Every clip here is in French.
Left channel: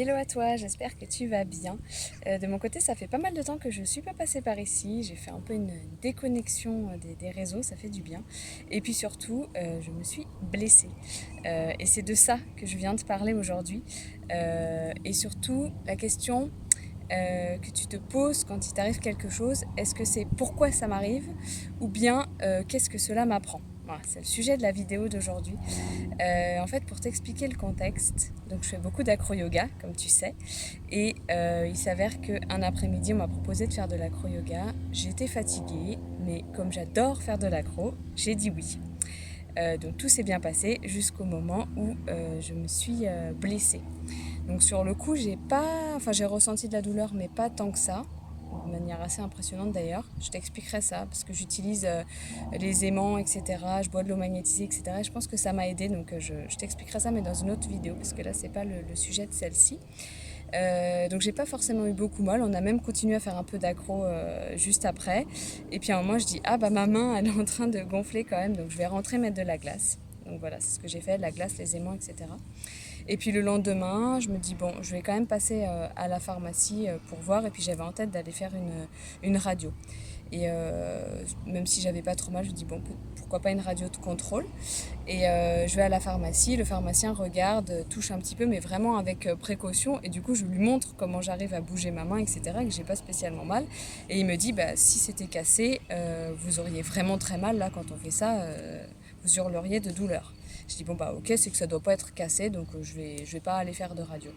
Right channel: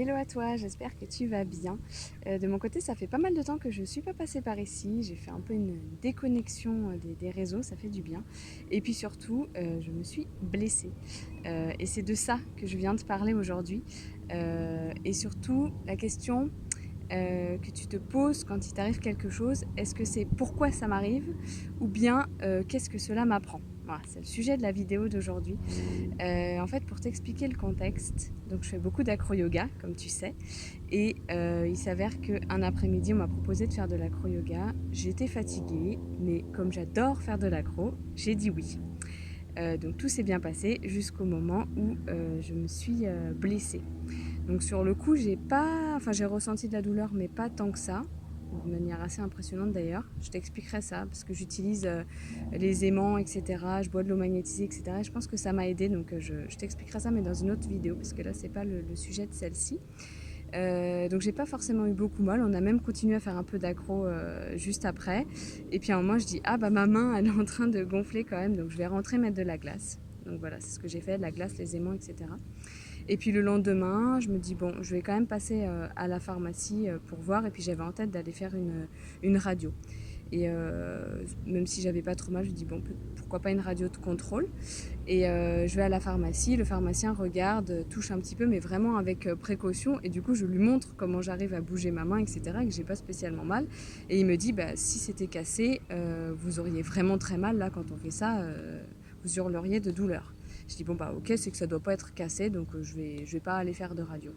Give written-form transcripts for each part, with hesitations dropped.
Hello à toi, j'espère que tu vas bien. De mon côté, ça fait pas mal de temps que je ne suis pas passée par ici. J'ai fait un peu une déconnexion des réseaux, ça fait du bien. Et puis surtout, je me suis blessée. Et c'est de ça que je viens de parler aujourd'hui. Et surtout, la question que tu te poses quand il t'arrive quelque chose, est-ce que c'est pourquoi ça m'arrive ou bien qu'est-ce que cela m'apprend? Voilà, c'est le sujet de la vidéo d'aujourd'hui. En fait, pour t'expliquer le contexte, donc je fais beaucoup d'acro-yoga, comme tu sais, et il s'avère qu'un après-midi, on m'a proposé de faire de l'acro-yoga. J'étais fatiguée, mais comme j'adore faire de l'acro, j'ai dit oui. Donc tout s'est bien passé jusqu'au moment où je me suis blessée. Donc sur le coup, j'ai ressenti de la douleur, mais pas tant que ça, de manière assez impressionnante d'ailleurs. Je t'expliquerai ça, parce que j'utilise les aimants, etc. Je bois de l'eau magnétisée, etc. Je pense que ça m'a aidé, donc je t'expliquerai ça, mais dans une autre vidéo, parce que là, c'est pas le sujet de celle-ci. Donc j'ai pas forcément eu beaucoup mal, on a même continué à faire un peu d'accro juste après. Et puis à un moment, je dis, ah bah ma main, elle est en train de gonfler quand même, donc je vais rentrer mettre de la glace. Donc voilà, c'est ce que j'ai fait, la glace, les aimants, etc. Et puis le lendemain, je me dis, bon, je vais quand même passer à la pharmacie pour voir. Et puis j'avais en tête d'aller faire une radio. Et même si j'avais pas trop mal, je me dis, bon, pourquoi pas une radio de contrôle. Et je vais à la pharmacie, le pharmacien regarde, touche un petit peu, mais vraiment avec précaution. Et du coup, je lui montre comment j'arrive à bouger ma main, etc. Et que j'ai pas spécialement mal. Et il me dit, bah, si c'était cassé, vous auriez vraiment très mal. Là, quand on fait ça, vous hurleriez de douleur. Je dis bon bah ok, c'est que ça doit pas être cassé, donc je vais pas aller faire de radio.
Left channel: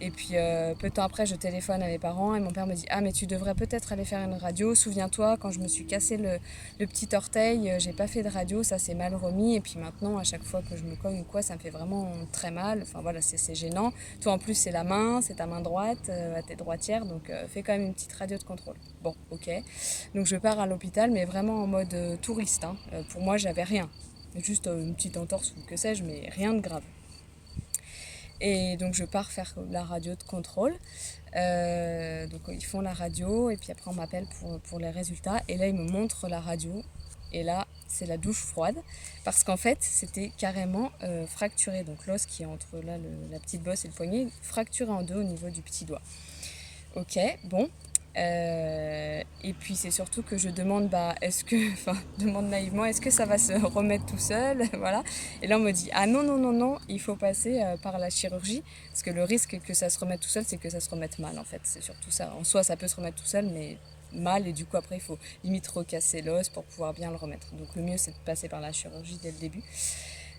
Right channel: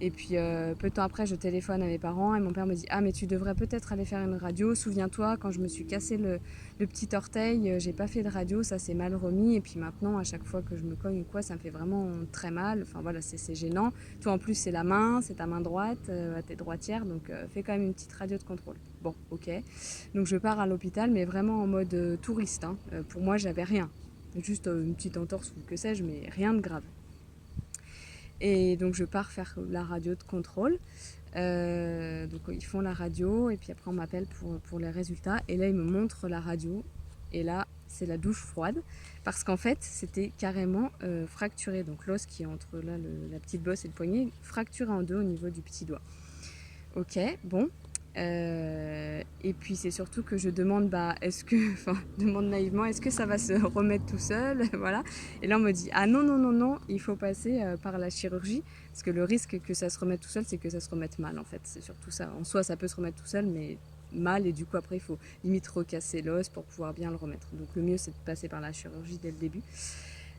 Et puis peu de temps après, je téléphone à mes parents et mon père me dit ah mais tu devrais peut-être aller faire une radio. Souviens-toi quand je me suis cassé le petit orteil, j'ai pas fait de radio, ça s'est mal remis. Et puis maintenant à chaque fois que je me cogne ou quoi, ça me fait vraiment très mal. Enfin voilà, c'est gênant. Toi en plus c'est la main, c'est ta main droite, t'es droitière, donc fais quand même une petite radio de contrôle. Bon ok. Donc je pars à l'hôpital, mais vraiment en mode touriste. Hein. Pour moi j'avais rien. Juste une petite entorse ou que sais-je, mais rien de grave. Et donc je pars faire la radio de contrôle. Donc ils font la radio et puis après on m'appelle pour les résultats. Et là ils me montrent la radio. Et là c'est la douche froide. Parce qu'en fait c'était carrément fracturé. Donc l'os qui est entre là, la petite bosse et le poignet, fracturé en deux au niveau du petit doigt. Ok, bon. Et puis c'est surtout que je demande, demande naïvement, est-ce que ça va se remettre tout seul, voilà. Et là on me dit, ah non non non non, il faut passer par la chirurgie, parce que le risque que ça se remette tout seul, c'est que ça se remette mal en fait. C'est surtout ça. En soi, ça peut se remettre tout seul, mais mal, et du coup après il faut limite recasser l'os pour pouvoir bien le remettre. Donc le mieux c'est de passer par la chirurgie dès le début.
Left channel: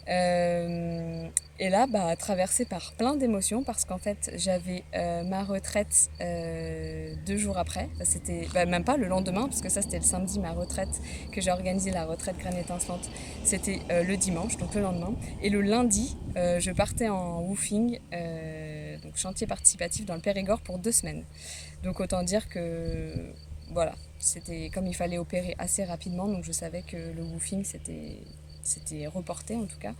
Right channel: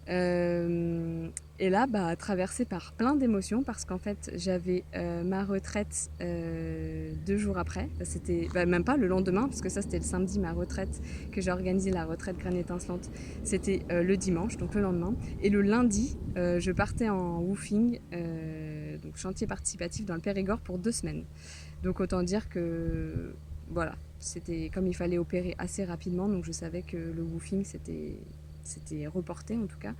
Et là, traversée par plein d'émotions parce qu'en fait, j'avais ma retraite 2 jours après. C'était même pas le lendemain, parce que ça, c'était le samedi, ma retraite, que j'ai organisé la retraite Graine étincelante. C'était le dimanche, donc le lendemain. Et le lundi, je partais en woofing, donc chantier participatif dans le Périgord pour 2 semaines. Donc autant dire que voilà, c'était comme il fallait opérer assez rapidement, donc je savais que le woofing c'était reporté en tout cas.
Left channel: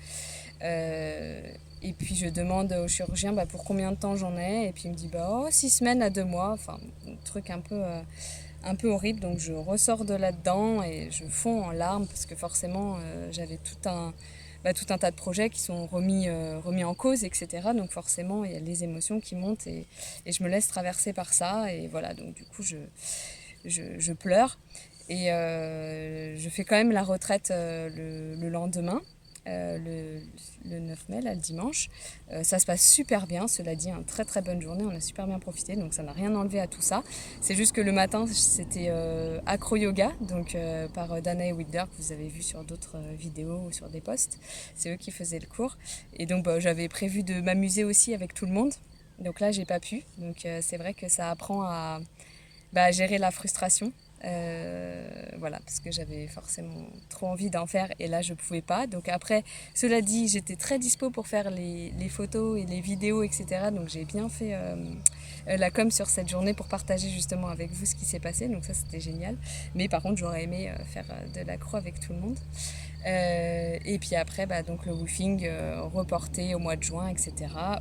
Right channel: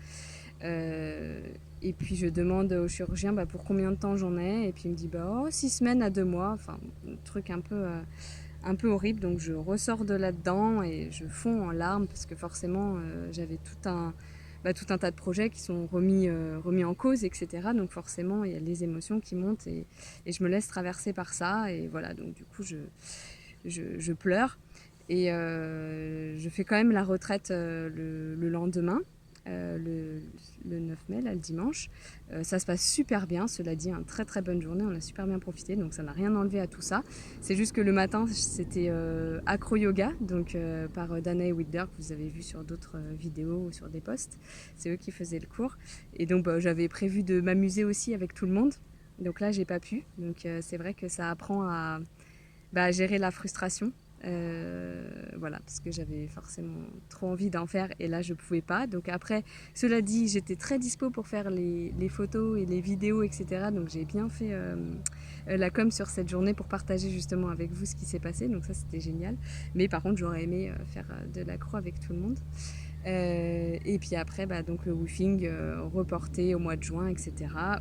Et puis je demande au chirurgien pour combien de temps j'en ai, et puis il me dit 6 semaines à 2 mois, enfin un truc un peu horrible. Donc je ressors de là-dedans et je fonds en larmes parce que forcément j'avais tout un tas de projets qui sont remis en cause, etc. Donc forcément il y a les émotions qui montent et je me laisse traverser par ça, et voilà, donc du coup je pleure. Et je fais quand même la retraite le lendemain, le 9 mai, là, le dimanche. Ça se passe super bien, cela dit, une très très bonne journée, on a super bien profité, donc ça n'a rien enlevé à tout ça. C'est juste que le matin, c'était acro-yoga, donc par Dana et Wilder, que vous avez vu sur d'autres vidéos ou sur des posts. C'est eux qui faisaient le cours. Et donc j'avais prévu de m'amuser aussi avec tout le monde. Donc là, j'ai pas pu. Donc c'est vrai que ça apprend à gérer la frustration. Voilà, parce que j'avais forcément trop envie d'en faire et là je pouvais pas. Donc après, cela dit, j'étais très dispo pour faire les photos et les vidéos, etc. Donc j'ai bien fait la com sur cette journée pour partager justement avec vous ce qui s'est passé. Donc ça c'était génial. Mais par contre, j'aurais aimé faire de l'accro avec tout le monde. Et puis après, donc le woofing reporté au mois de juin, etc.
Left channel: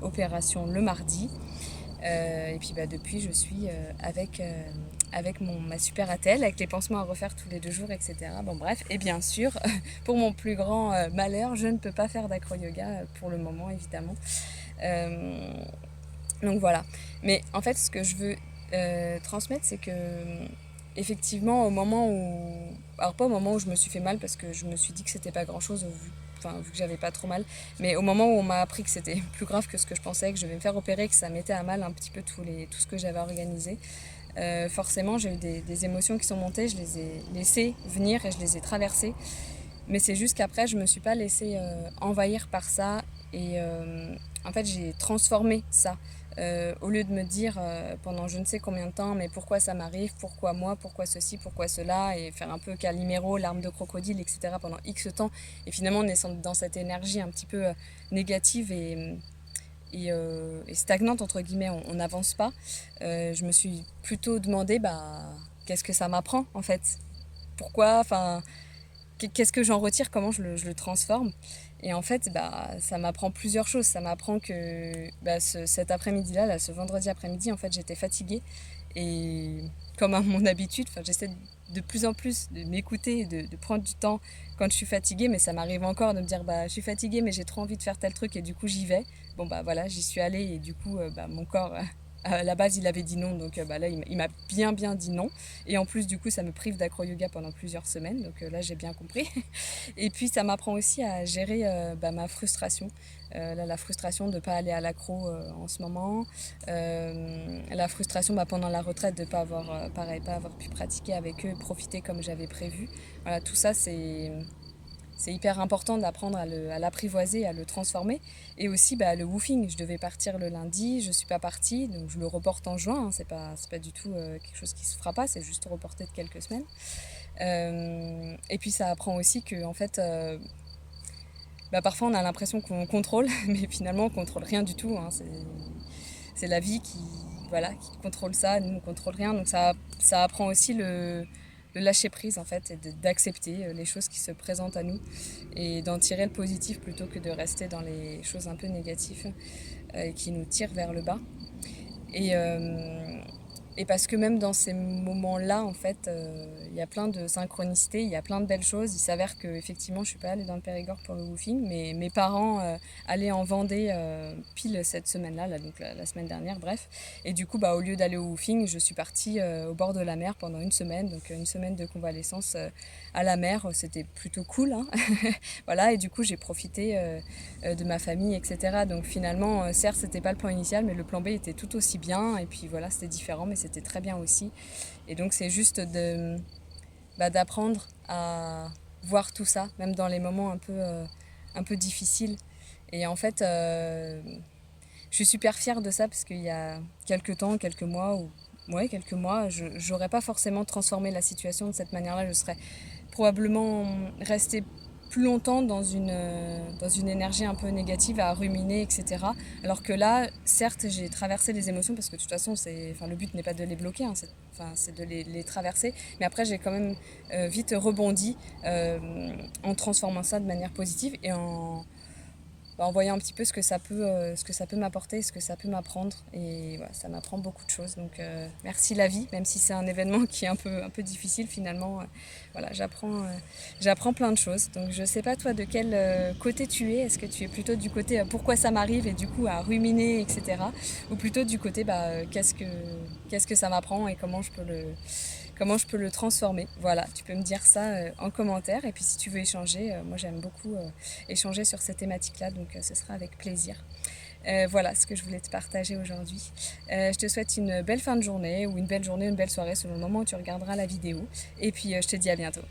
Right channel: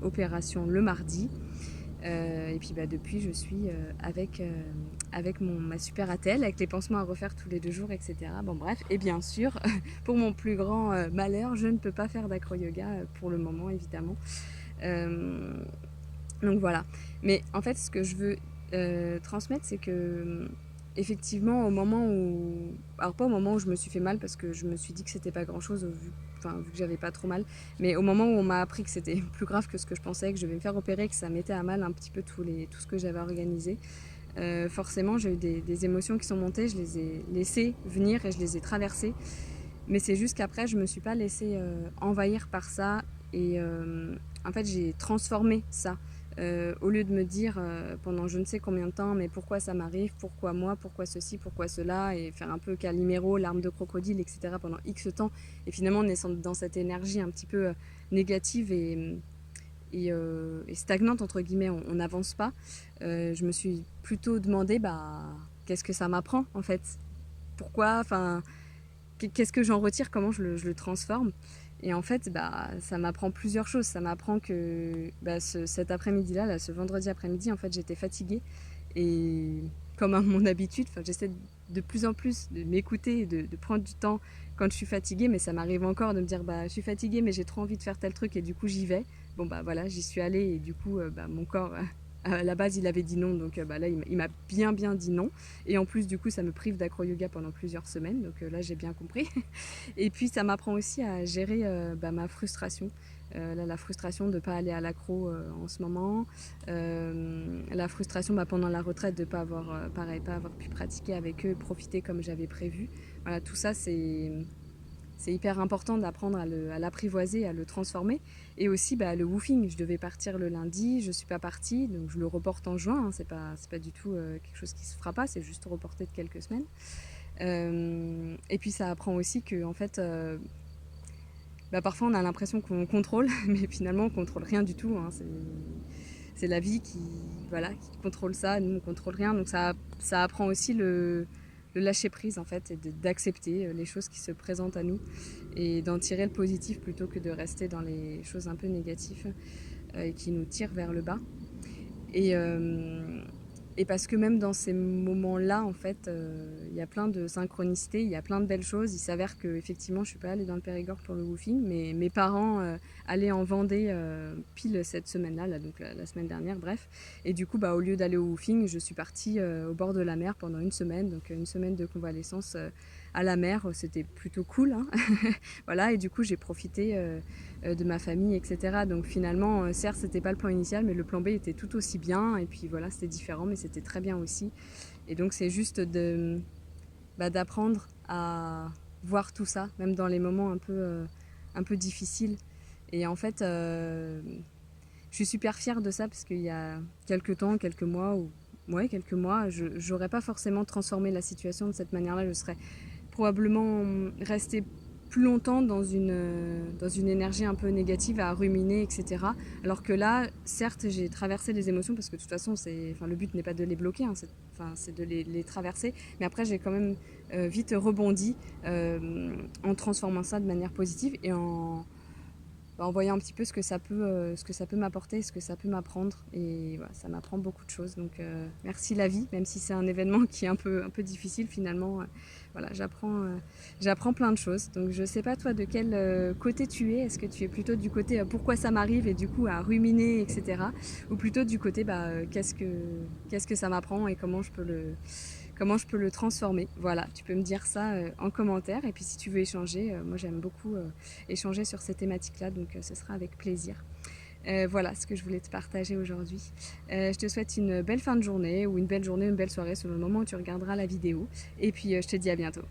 Opération le mardi. Et puis depuis, je suis avec ma super attelle, avec les pansements à refaire tous les 2 jours, etc. Bon bref, et bien sûr, pour mon plus grand malheur, je ne peux pas faire d'acro-yoga pour le moment, évidemment. Donc voilà. Mais en fait, ce que je veux transmettre, c'est que effectivement, au moment où... Alors pas au moment où je me suis fait mal, parce que je me suis dit que c'était pas grand-chose, vu que j'avais pas trop mal, mais au moment où on m'a appris que c'était plus grave que ce que je pensais, que je devais me faire opérer, que ça mettait à mal un petit peu tout ce que j'avais organisé, forcément j'ai eu des émotions qui sont montées, je les ai laissées venir et je les ai traversées. Mais c'est juste qu'après, je me suis pas laissée envahir par ça. Et en fait, j'ai transformé ça. Au lieu de me dire pendant je ne sais combien de temps, mais pourquoi ça m'arrive, pourquoi moi, pourquoi ceci, pourquoi cela, et faire un peu Calimero, larmes de crocodile, etc. pendant X temps. Et finalement, on est dans cette énergie un petit peu négative et stagnante, entre guillemets, on n'avance pas. Je me suis plutôt demandé, qu'est-ce que ça m'apprend en fait? Pourquoi, enfin, qu'est-ce que j'en retire, comment je le transforme. Et en fait, ça m'apprend plusieurs choses. Ça m'apprend que cet après-midi-là, ce vendredi après-midi, en fait, j'étais fatiguée. Et comme à mon habitude, j'essaie de plus en plus de m'écouter, de prendre du temps quand je suis fatiguée. Mais ça m'arrive encore de me dire, je suis fatiguée, mais j'ai trop envie de faire tel truc et du coup, j'y vais. Bon, voilà, j'y suis allée et du coup, mon corps... à la base, il avait dit non, donc là, il m'a bien dit non. Et en plus, du coup, ça me prive d'acro-yoga pendant plusieurs semaines, donc là, j'ai bien compris. Et puis, ça m'apprend aussi à gérer ma frustration. La frustration de ne pas aller à l'accro en ce moment. La frustration pendant la retraite de ne pas avoir, pas avoir pu pratiquer avec eux, profiter comme j'avais prévu. Voilà, tout ça, c'est hyper important d'apprendre à l'apprivoiser, à le transformer. Et aussi le woofing, je devais partir le lundi, je ne suis pas partie, donc je le reporte en juin, hein, c'est pas du tout quelque chose qui se fera pas, c'est juste reporté de quelques semaines. Et puis ça apprend aussi que en fait, parfois on a l'impression qu'on contrôle, mais finalement on contrôle rien du tout, hein, c'est la vie qui contrôle ça, nous on contrôle rien, donc ça apprend aussi le lâcher prise en fait, et d'accepter les choses qui se présentent à nous et d'en tirer le positif plutôt que de rester dans les choses un peu négatives qui nous tirent vers le bas. Et, et parce que même dans ces moments-là, en fait, y a plein de synchronicités, il y a plein de belles choses. Il s'avère qu'effectivement, je ne suis pas allée dans le Périgord pour le woofing, mais mes parents allaient en Vendée pile cette semaine-là, donc la semaine dernière, bref. Et du coup, au lieu d'aller au woofing, je suis partie au bord de la mer pendant une semaine, donc une semaine de convalescence à la mer. C'était plutôt cool, hein. Voilà, et du coup, j'ai profité de ma famille, etc. Donc finalement, certes, c'était pas le plan initial, mais le plan B était tout aussi bien. Et puis voilà, c'était différent, mais c'était très bien aussi. Et donc c'est juste d'apprendre à voir tout ça, même dans les moments un peu difficiles. Et en fait, je suis super fière de ça parce qu'il y a quelques temps, quelques mois, je n'aurais pas forcément transformé la situation de cette manière-là. Je serais probablement restée plus longtemps dans une énergie un peu négative à ruminer, etc. Alors que là, certes, j'ai traversé les émotions parce que de toute façon, le but n'est pas de les bloquer, hein, c'est de les traverser. Mais après, j'ai quand même vite rebondi en transformant ça de manière positive et en voyant un petit peu ce que ça peut m'apporter, ce que ça peut m'apprendre. Et voilà, ça m'apprend beaucoup de choses. Donc merci la vie, même si c'est un événement qui est un peu difficile finalement. Voilà, j'apprends plein de choses. Donc je sais pas toi de quel côté tu es. Est-ce que tu es plutôt du côté pourquoi ça m'arrive et du coup à ruminer, etc. Ou plutôt du côté qu'est-ce que ça m'apprend et comment je peux le transformer. Voilà, tu peux me dire ça en commentaire. Et puis si tu veux échanger, moi j'aime beaucoup échanger sur ces thématiques-là, donc ce sera avec plaisir. Voilà ce que je voulais te partager aujourd'hui. Je te souhaite une belle fin de journée ou une belle journée, une belle soirée selon le moment où tu regarderas la vidéo. Et puis je te dis à bientôt.